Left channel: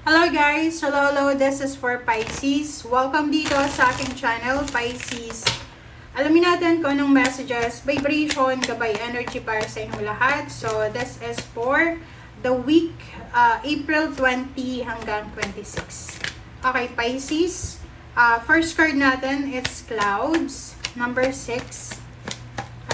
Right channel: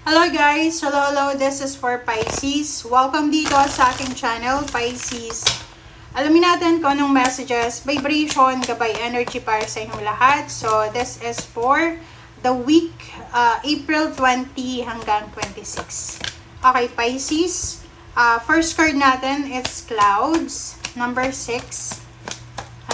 Hello guys! Hello! This is for Pisces. Welcome dito sa aking channel, Pisces. Alamin natin kung anong messages, vibration, gabay, energy para sa inyong lahat. So, this is for the week, April 20 hanggang 26. Okay, Pisces. First card natin, it's Clouds, number 6.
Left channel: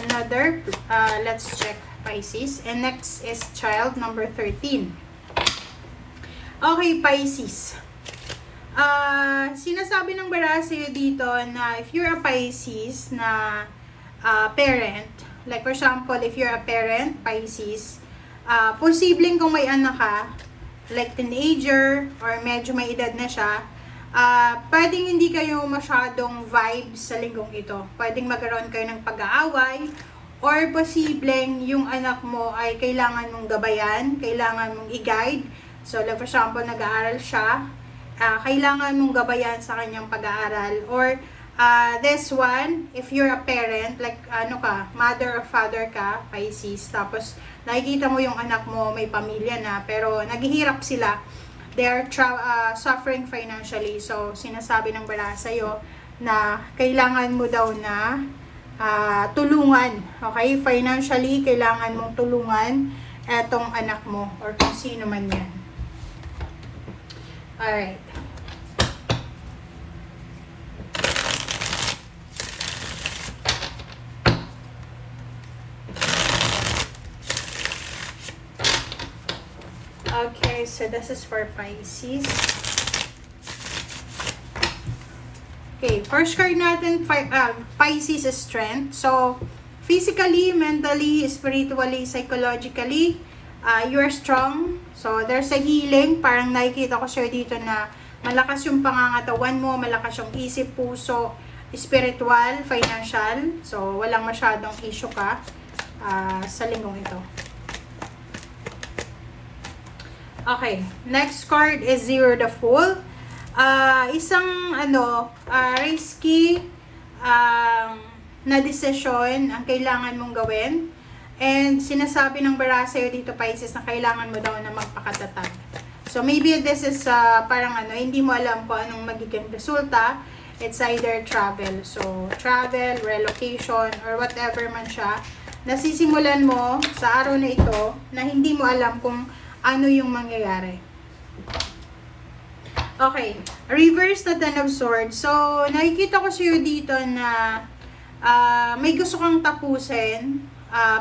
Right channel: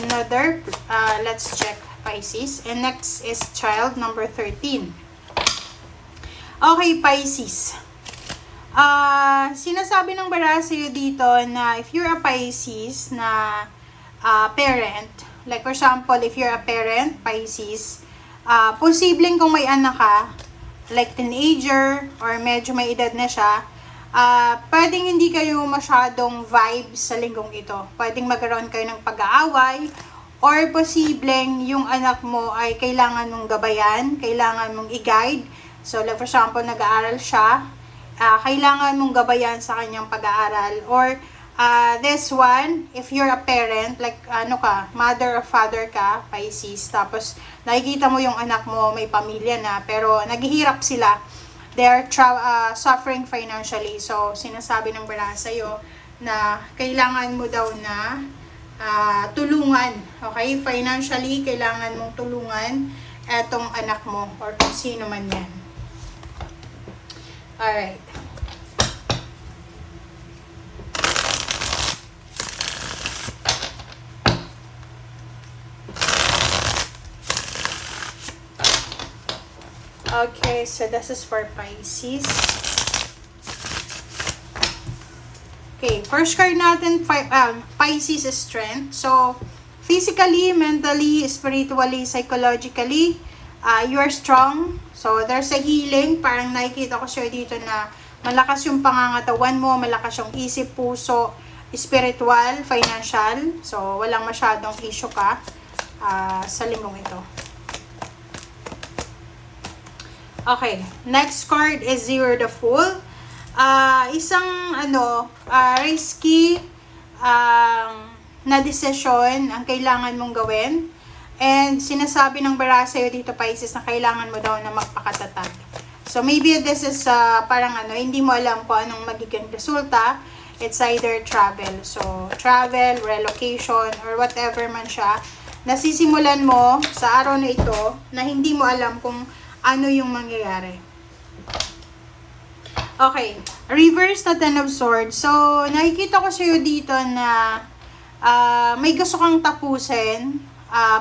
Another, let's check Pisces. And next is Child, number 13. Okay, Pisces. Sinasabi ng bara sa'yo dito na if you're a Pisces na parent, like for example, if you're a parent, Pisces, posibleng kung may anak ka, like teenager, or medyo may edad na siya, pwedeng hindi kayo masyadong vibes sa linggong ito. Pwedeng magkaroon kayo ng pag-aaway, or posibleng yung anak mo ay kailangan mong gabayan, kailangan mong i-guide. So, like for example, nag-aaral siya, kailangan mong gabayan sa kanyang pag-aaral. Or, this one, if you're a parent, like, mother or father ka, Pisces, tapos, nakikita mo yung anak mo, may pamilya na, pero naghihirap sila. They're suffering financially. So, sinasabi ng bala sa'yo na kailangan mo daw na tulungan. Okay? Financially, kailangan mong tulungan etong anak mo or kung sino man yan. Alright. Okay, so this is for Pisces. Okay, first card natin, Pisces is strength. So, physically, mentally, spiritually, psychologically, you're strong. So, there's a healing. Parang nakikita ko siya dito na malakas yung pangangatawan mo, malakas yung isip, puso, spiritual, financial. So, walang masyadong issue ka sa linggong ito. Okay, next card is Zero the Fool. Isang risky na desisyon ang kailangan mong gawin. And sinasabi ng bara sa'yo dito, Pisces, na kailangan mo daw na magpakatatag. So maybe this is parang hindi mo alam kung anong magiging resulta. It's either travel. So travel, relocation, or whatever man siya. Nasisimulan mo sa araw na ito na hindi mo alam kung ano yung mangyayari. Okay, reverse na Ten of Swords. So nakikita ko sa'yo dito na may gusto kang tapusin.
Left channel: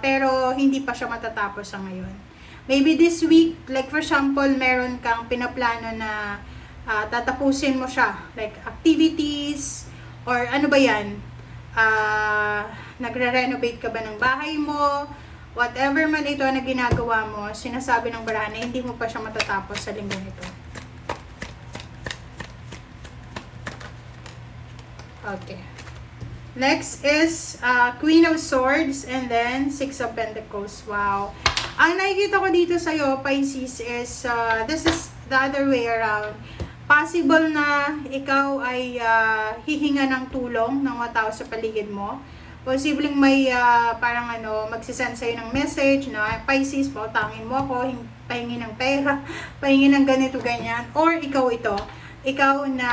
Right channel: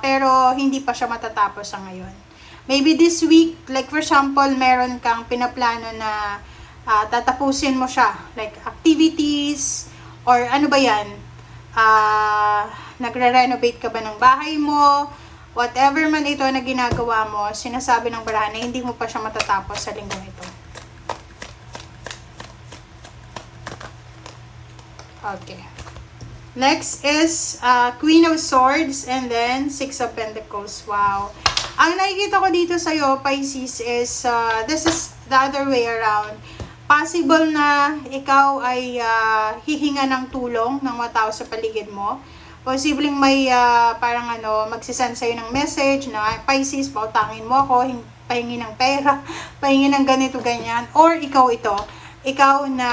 Pero hindi pa siya matatapos sa ngayon. Maybe this week, like for example, meron kang pinaplano na tatapusin mo siya. Like activities, or ano ba yan? Nagre-renovate ka ba ng bahay mo? Whatever man ito na ginagawa mo, sinasabi ng barahan na hindi mo pa siya matatapos sa linggong ito. Okay. Next is Queen of Swords and then Six of Pentacles. Wow. Ang nakikita ko dito sa'yo, Pisces, is this is the other way around. Possible na ikaw ay hihinga ng tulong ng mga tao sa paligid mo. Posibleng may magsisend sa'yo ng message na, Pisces, pautangin mo ako, pahingi ng pera, pahingi ng ganito, ganyan. Or ikaw ito. Ikaw na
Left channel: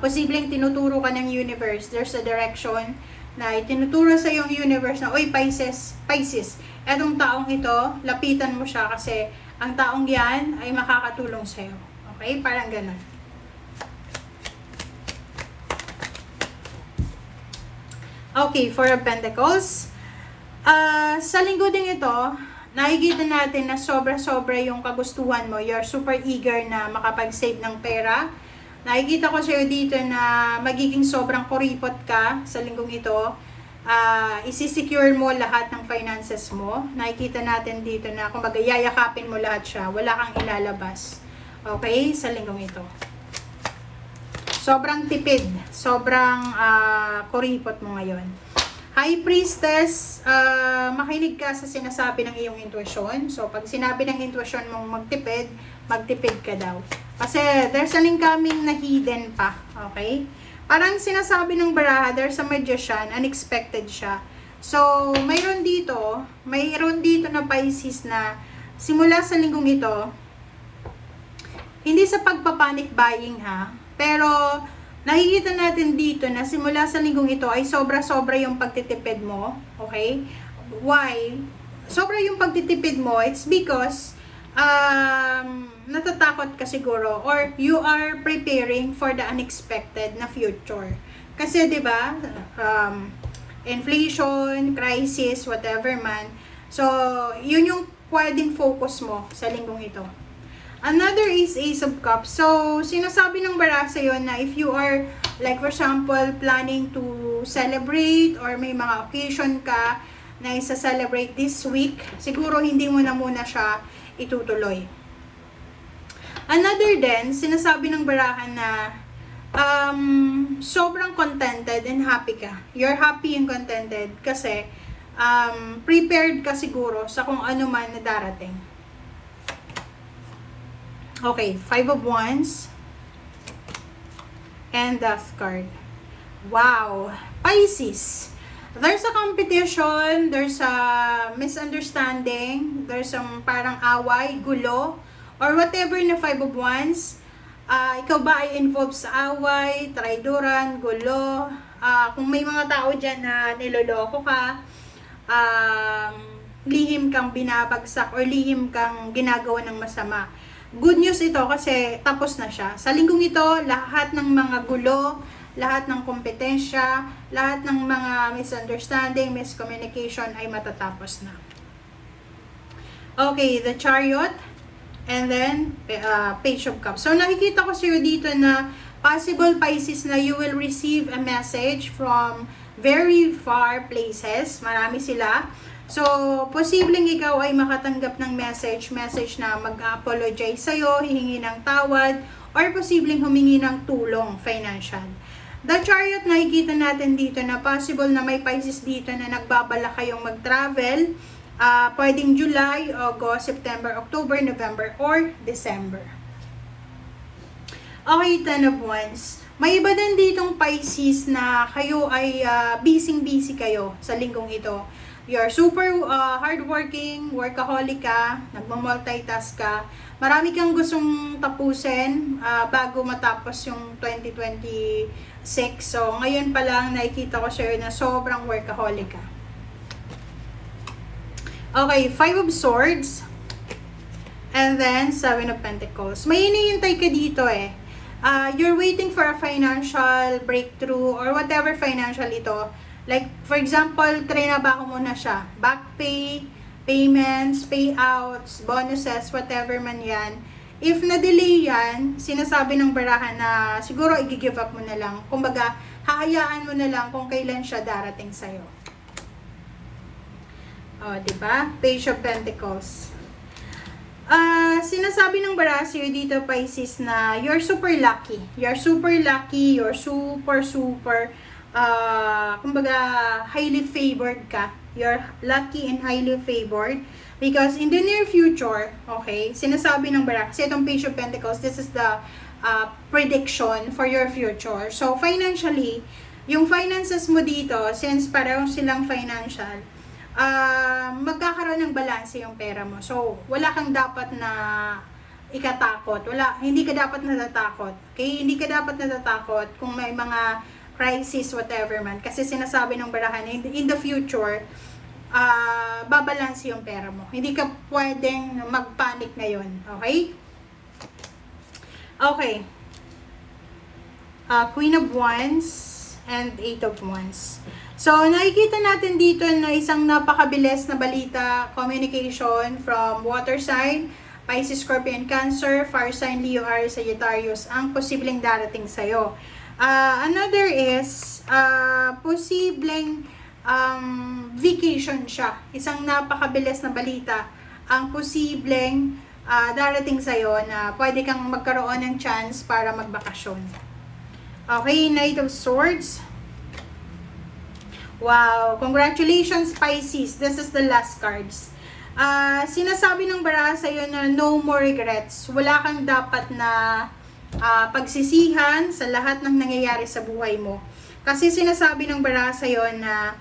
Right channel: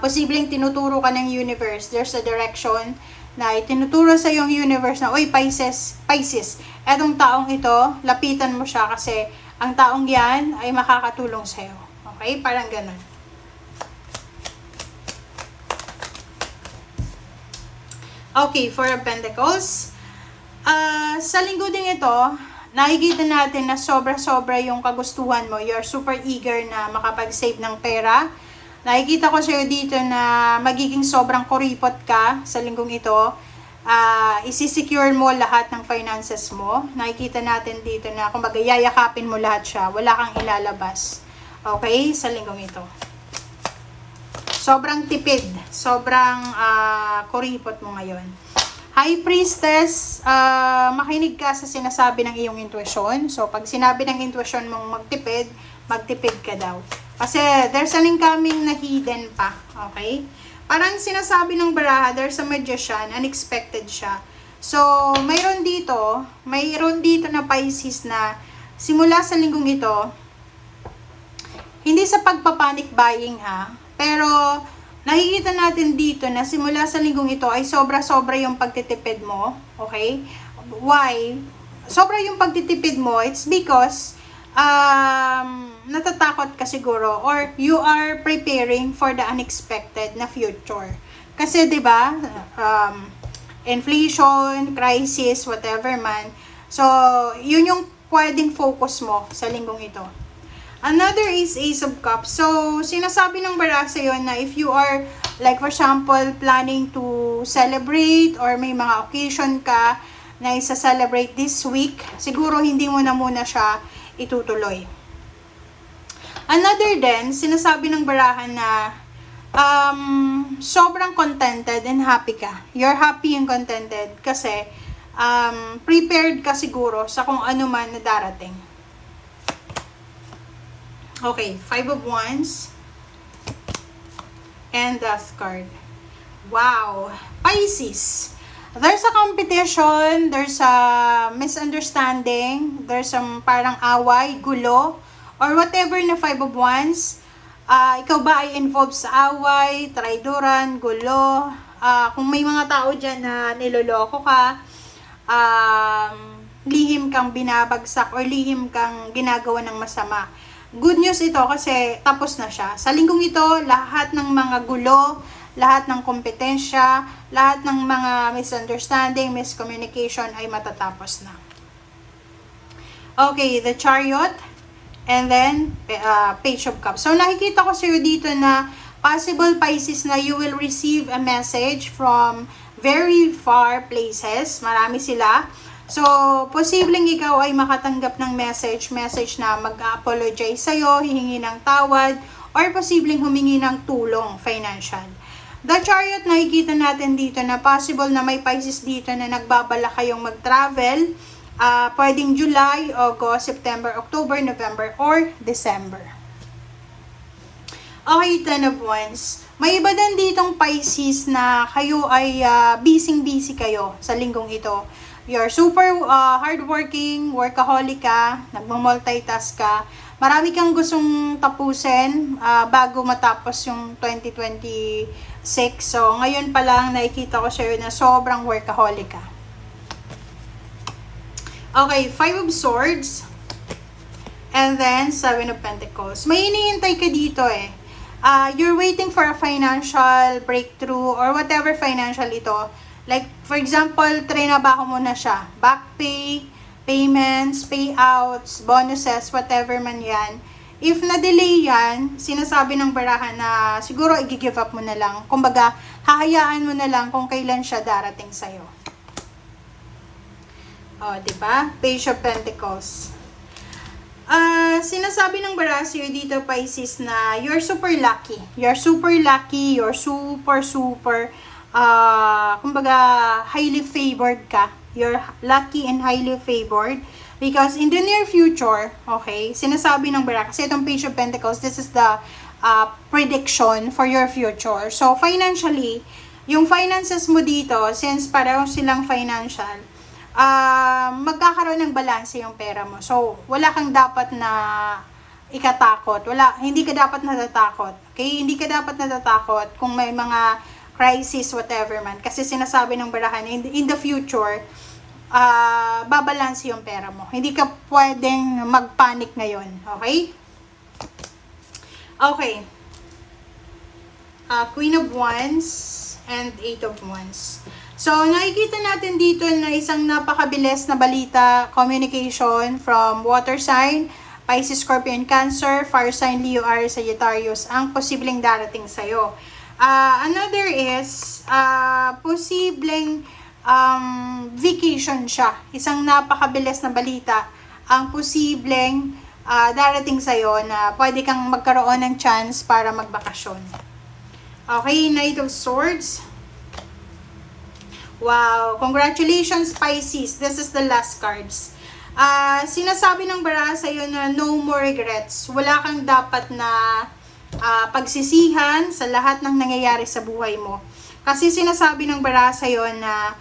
posibleng tinuturo ka ng universe. There's a direction na itinuturo sa yung universe na, oy Pisces, etong taong ito, lapitan mo siya kasi ang taong yan ay makakatulong sa'yo. Okay? Parang ganun. Okay, Four of Pentacles. Sa linggo din ito, nakikita natin na sobra-sobra yung kagustuhan mo. You're super eager na makapag-save ng pera. Nakikita ko sa'yo dito na magiging sobrang kuripot ka sa linggong ito. Isi-secure mo lahat ng finances mo. Nakikita natin dito na kung yayakapin mo lahat siya, wala kang ilalabas. Okay? Sa linggong ito. Sobrang tipid. Sobrang kuripot mo ngayon. High Priestess, makinig ka sa sinasabi ng iyong intuition. So, pag sinabi ng intuition mong magtipid ka daw. Kasi there's an incoming na hidden pa. Okay? Parang sinasabi ng baraha, there's a magician, unexpected siya. So, mayroon dito na Pisces na simula sa linggong ito, Hindi sa pagpapanic buying ha, pero nakikita natin dito na simula sa linggong ito ay sobra-sobra yung pagtitipid mo. Okay? Why? Sobra yung pagtitipid mo, it's because natatakot ka siguro or you are preparing for the unexpected na future. Kasi 'di ba, inflation, crisis, whatever man. So, yun yung pwedeng focus mo sa linggong ito. Another is Ace of Cups. So, sinasabi ng bara sa'yo na if you are, like for example, planning to celebrate or may mga occasion ka na isa-celebrate this week, siguro hindi mo na muna siya itutuloy. Another din, sinasabi ng barahan na sobrang contented and happy ka. You're happy and contented kasi prepared ka siguro sa kung ano man na darating. Okay, 5 of Wands and Death card. Wow! Pisces. There's a competition, there's a misunderstanding, there's some parang away, gulo, or whatever na 5 of Wands. Ikaw ba ay involved sa away, traidoran, gulo? Kung may mga tao dyan na niloloko ka, lihim kang binabagsak or lihim kang ginagawa ng masama. Good news ito kasi tapos na siya. Sa linggong ito, lahat ng mga gulo, lahat ng kompetensya, lahat ng mga misunderstanding, miscommunication ay matatapos na. Okay, the Chariot, and then Page of Cups. So nakikita ko sa iyo dito na possible Pisces na you will receive a message from very far places. Marami sila. So, posibleng ikaw ay makatanggap ng message na mag-apologize sa'yo, hihingi ng tawad, or posibleng humingi ng tulong financial. The Chariot, nakikita natin dito na possible na may Pisces dito na nagbabala kayong mag-travel. Pwedeng July, August, September, October, November, or December. Okay, 10 of Wands. May iba din ditong Pisces na kayo ay busy kayo sa linggong ito. You're super hardworking, workaholic ka, nagmamultitask ka. Marami kang gustong tapusin bago matapos yung 2026. So, ngayon pa lang nakikita ko sa'yo na sobrang workaholic ka. Okay, 5 of Swords. And then, 7 of Pentacles. May hinihintay ka dito eh. You're waiting for a financial breakthrough or whatever financial ito. Like, for example, trinabaho mo na siya. Back pay, payments, payouts, bonuses, whatever man yan. If na-delay yan, sinasabi ng barahan na siguro i-give up mo na lang. Kumbaga, hahayaan mo na lang kung kailan siya darating sa'yo. O, diba? Page of Pentacles. Sinasabi ng barahan sa'yo dito, Pisces, na you're super lucky. You're super lucky. You're super kumbaga, highly favored ka. You're lucky and highly favored because in the near future, okay, sinasabi ng bara, kasi itong Page of Pentacles, this is the prediction for your future. So, financially, yung finances mo dito, since pareho silang financial, magkakaroon ng balanse yung pera mo. So, wala kang dapat na ikatakot. Hindi ka dapat natatakot. Okay? Hindi ka dapat natatakot kung may mga crisis, whatever man. Kasi sinasabi ng barahan, in the future, babalanse yung pera mo. Hindi ka pwedeng mag-panic ngayon. Okay? Okay. Queen of Wands and 8 of Wands. So, nakikita natin dito na isang napakabilis na balita, communication from water sign, Pisces, Scorpio, and Cancer, fire sign, Leo, Aries, Sagittarius, ang posibleng darating sa'yo. Another is, posibleng vacation siya. Isang napakabilis na balita ang posibleng darating sa'yo na pwede kang magkaroon ng chance para magbakasyon. Okay, Knight of Swords. Wow, congratulations Pisces. This is the last cards. Sinasabi ng bara sa'yo na no more regrets. Wala kang dapat na pagsisihan sa lahat ng nangyayari sa buhay mo. Kasi sinasabi ng bara sa'yo na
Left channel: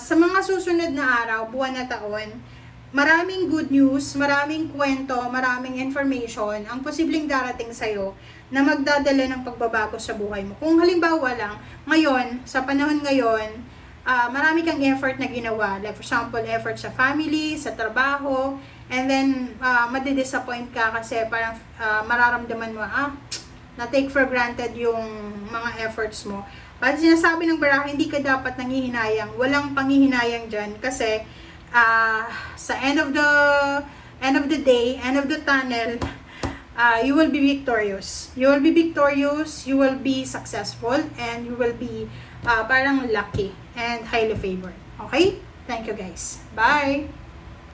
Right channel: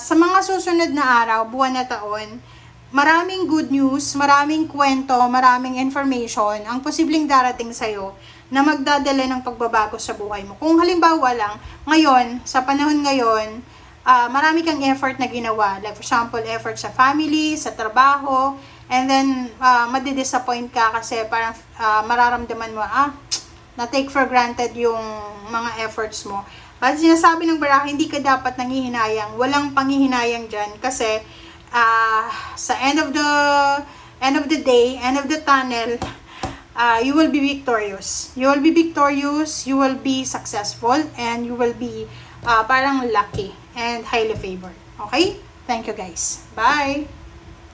sa mga susunod na araw, buwan na taon, maraming good news, maraming kwento, maraming information ang posibleng darating sa'yo na magdadala ng pagbabago sa buhay mo. Kung halimbawa lang, ngayon, sa panahon ngayon, marami kang effort na ginawa. Like for example, effort sa family, sa trabaho, and then madidisappoint ka kasi parang mararamdaman mo, na-take for granted yung mga efforts mo. But sinasabi ng Barako, hindi ka dapat nangihinayang. Walang panghihinayang dyan kasi sa end of the day, end of the tunnel, you will be victorious. You will be victorious, you will be successful, and you will be parang lucky and highly favored. Okay? Thank you guys. Bye!